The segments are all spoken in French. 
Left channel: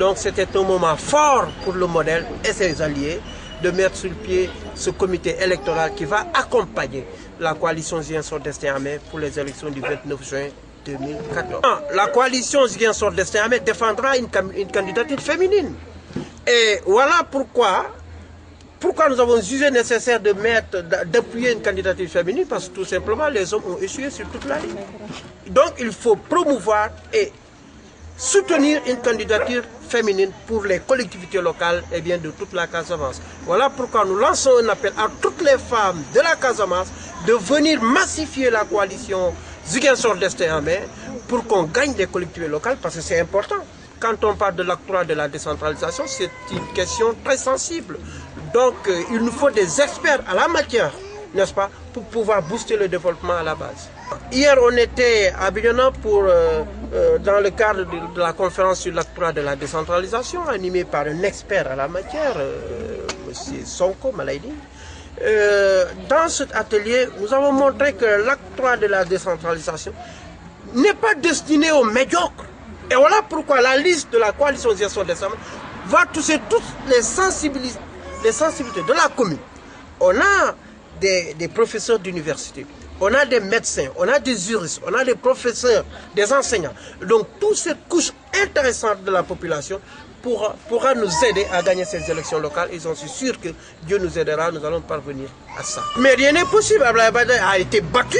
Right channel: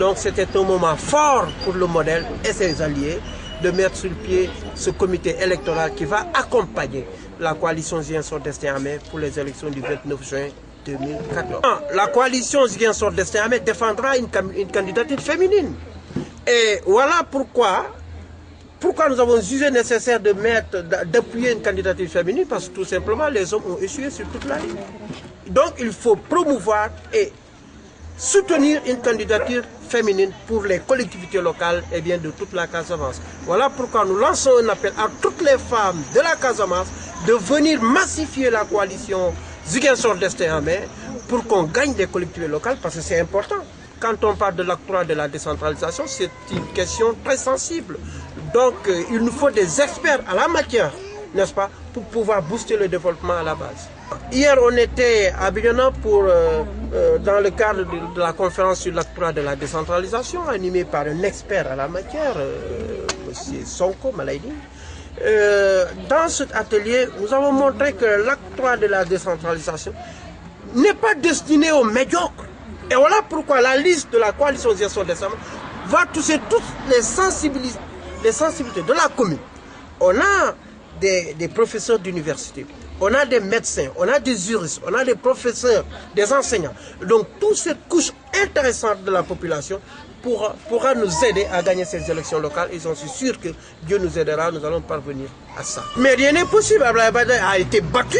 Donc c'était un moment fort pour le modèle et ses alliés de mettre sur le pied ce comité électoral qui va accompagner la coalition Ziguinchor Destin en Main pour les élections du 29 juin 2014. La coalition Ziguinchor Destin en Main défendra une candidature féminine. Et voilà pourquoi nous avons jugé nécessaire d'appuyer une candidature féminine, parce que tout simplement les hommes ont échoué sur toute la ligne. Donc il faut promouvoir et soutenir une candidature féminine pour les collectivités locales et bien de toute la Casamance. Voilà pourquoi nous lançons un appel à toutes les femmes de la Casamance de venir massifier la coalition Ziguinchor Destin en Main pour qu'on gagne des collectivités locales, parce que c'est important. Quand on parle de l'octroi de la décentralisation, c'est une question très sensible. Donc il nous faut des experts à la matière, n'est-ce pas, pour pouvoir booster le développement à la base. Hier, on était à Bignona dans le cadre de la conférence sur l'octroi de la décentralisation, animée par un expert à la matière, M. Sonko Malaidi. Dans cet atelier, nous avons montré que l'octroi de la décentralisation n'est pas destiné aux médiocres. Et voilà pourquoi la liste de la coalition Ziguinchor Destin en Main va toucher toutes les sensibilités de la commune. On a des professeurs d'université, on a des médecins, on a des juristes, on a des professeurs, des enseignants. Donc toute cette couche intéressante de la population pourra nous aider à gagner ces élections locales. Et j'en suis sûr que Dieu nous aidera, nous allons parvenir à ça. Mais rien n'est possible. Abdoulaye Wade a été battu,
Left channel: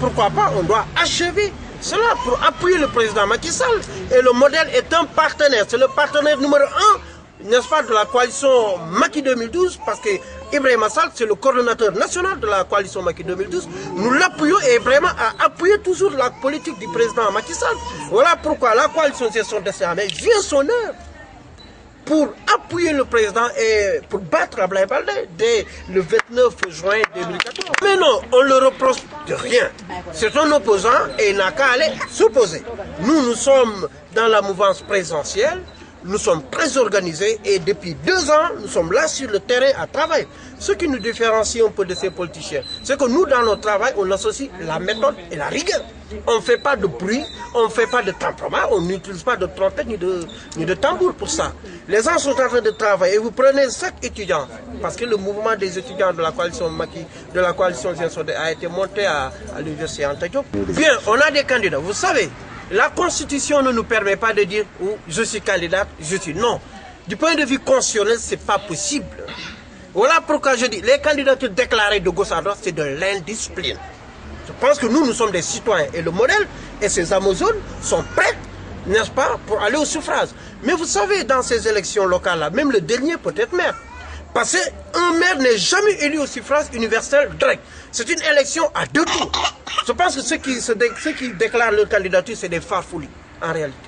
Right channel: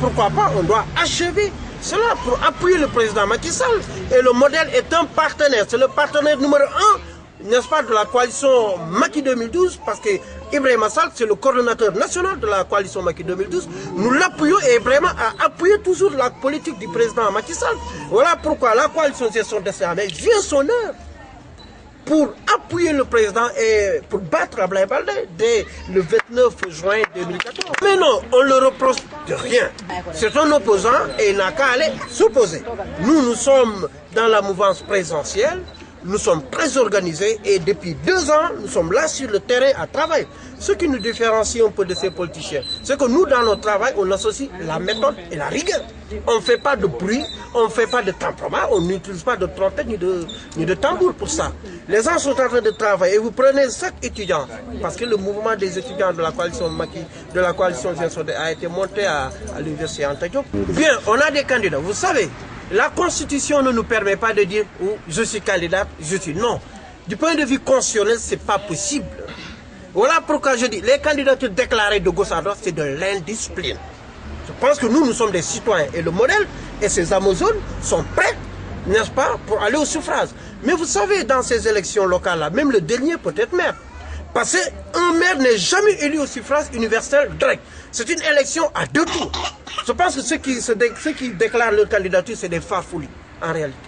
pourquoi pas, on doit achever cela pour appuyer le président Macky Sall. Et le modèle est un partenaire, c'est le partenaire numéro 1, n'est-ce pas, de la coalition Macky 2012, parce que Ibrahima Sall, c'est le coordonnateur national de la coalition Macky 2012. Nous l'appuyons et Ibrahima a appuyé toujours la politique du président Macky Sall. Voilà pourquoi la coalition Ziguinchor Destin en Main vient son heure pour appuyer le président et pour battre Abdoulaye Wade dès le 29 juin 2014. Mais non, on ne le reproche de rien. C'est un opposant et il n'a qu'à aller s'opposer. Nous sommes dans la mouvance présidentielle. Nous sommes très organisés et depuis 2 ans, nous sommes là sur le terrain à travailler. Ce qui nous différencie un peu de ces politiciens, c'est que nous, dans notre travail, on associe la méthode et la rigueur. On ne fait pas de bruit, on ne fait pas de temperament, on n'utilise pas de trompette ni de tambour pour ça. Les gens sont en train de travailler et vous prenez 5 étudiants, parce que le mouvement des étudiants de la coalition Macky, de la coalition Ziguinchor a été monté à l'université Anta Diop. Bien, on a des candidats, vous savez. La Constitution ne nous permet pas de dire oh, je suis candidat, je suis non. Du point de vue constitutionnel, ce n'est pas possible. Voilà pourquoi je dis, les candidatures déclarées de gauche à droite, c'est de l'indiscipline. Je pense que nous sommes des citoyens et le modèle et ces Amazones sont prêts, n'est-ce pas, pour aller au suffrage. Mais vous savez, dans ces élections locales-là, même le dernier peut être maire. Parce qu'un maire n'est jamais élu au suffrage universel direct. C'est une élection à 2 tours. Je pense que ceux qui déclarent leur candidature, c'est des farfouilles, en réalité.